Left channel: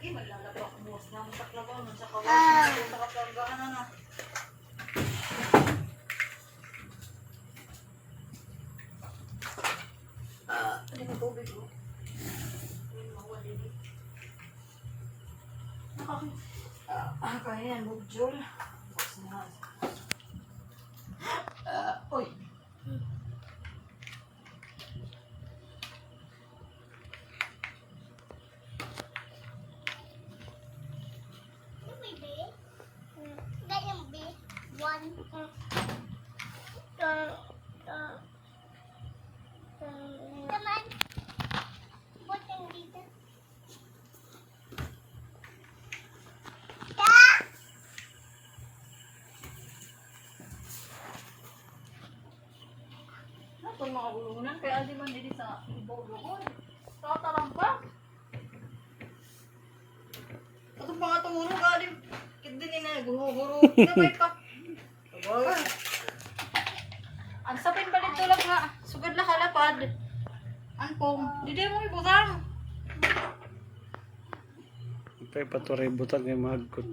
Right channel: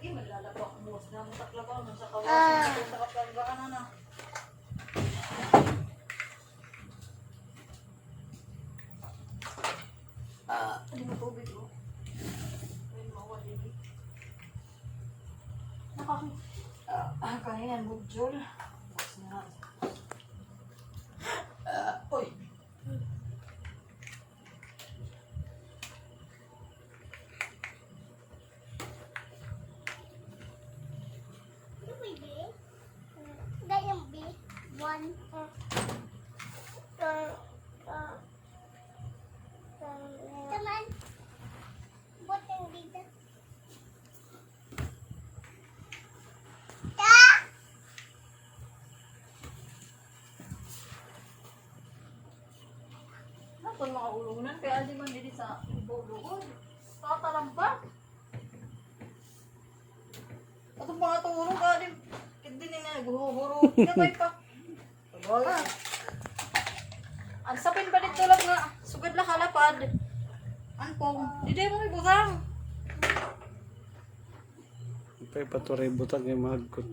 Eh, maglalabak mo. Namutak-labaw nun sa kawasan. Sarap-largaan na. Hindi mo tubig, oh. Hindi mo mawali. Kaya yan, bugjol. Bukas na. Uy. Naman, butang dito. Ako yung mga ulunan, kaya di man dili sa ibaw-lugon. Tatalampak. Atong mga tumunog, alim. Hindi nila, guro-guro. Gamay pa. Wala. Ang sapin pa dito lang nga. Sugad na kalapad. Angkong. Hindi mo ibutang. Ipay paturay butang kay magkot.